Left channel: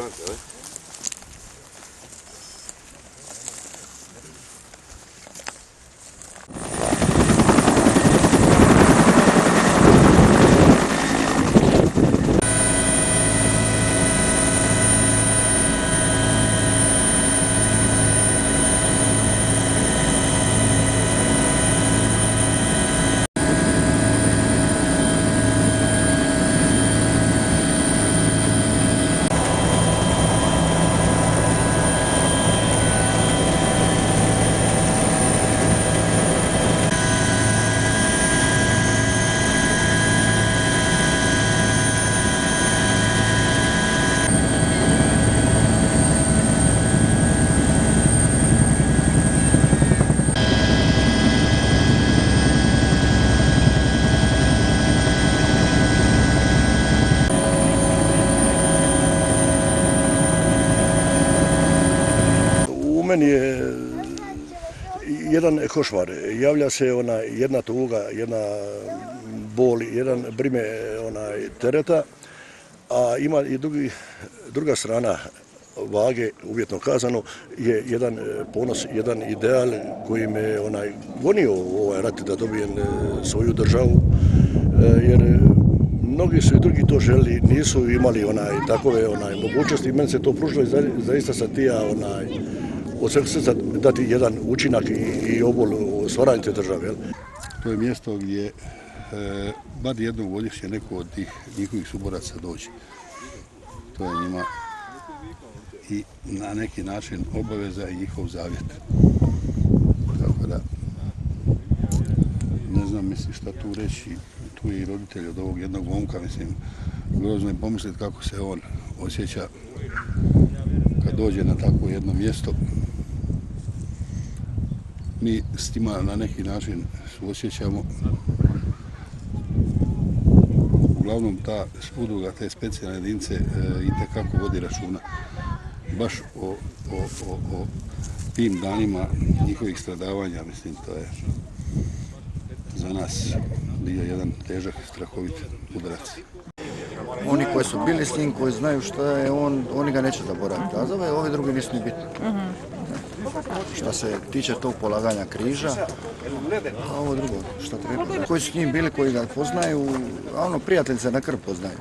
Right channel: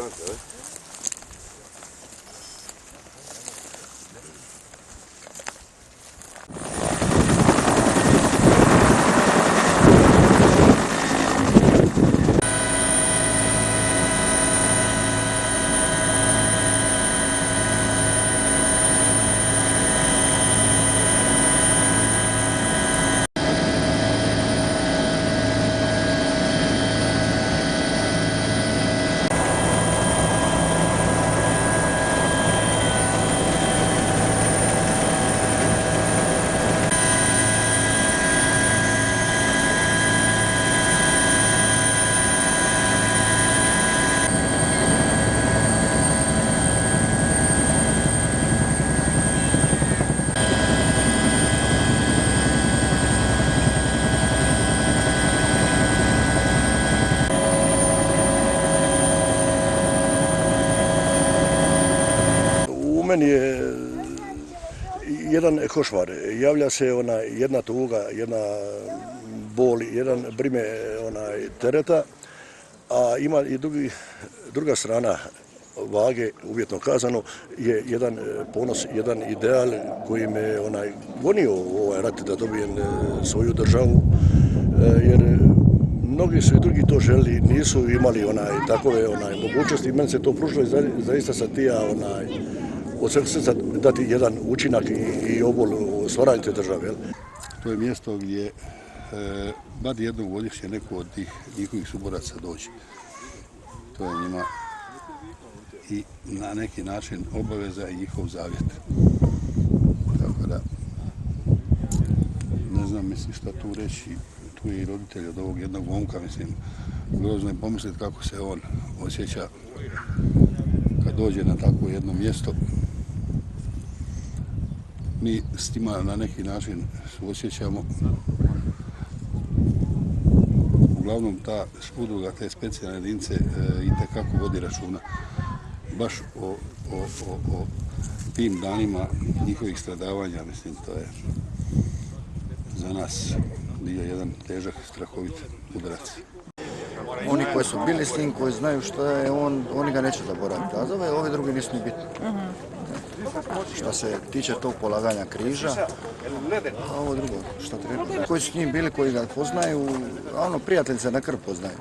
šanse, ali? U meni je jedan košmar. Javlja se jedna tuga, jedna bol, jedan brime tereta, a ima i druga strana vage, uvjetno kazano, je jedan ponos, jedan ideal koji me gonio u ovaj rat da dobijem svoju državu, jer mnogi su i drugi to želi, nisu imali takove mogućnosti. Meni se to pružilo i zaista sam tija od sveg srca dati jedan učinak i obol u stvaranju te države. To je mjesto gdje bar jednom godišnje neko od tih njihovih suboraca dođe. To je njima i na neki način obaveza i njihov zavjet. Tako da, ne znam, mislim, šta tu reći. Tu je i roditelj od ovog jednog momka, mislim, grozno je pomisliti kako se on osjeća kad dođe na takvo jedno mjesto. Mi s tima na neki način suosjećamo. Uglavnom ta udruga, te specijalne jedinice itekako vodi računa baš o tim danima njihovih stradavanja. Mislim, to je za nas bio jedan težak, strahovit udarac. Oni koji su bili s njim, koji znaju što je on, oni ga neće zaboraviti. A za ove druge nisu ni bitni. Što se tiče tog polaganja križa, a ovo drugo, što treba. Koji su s njim bili, koji ga poznaju, a prijatelji se na krv poznaju.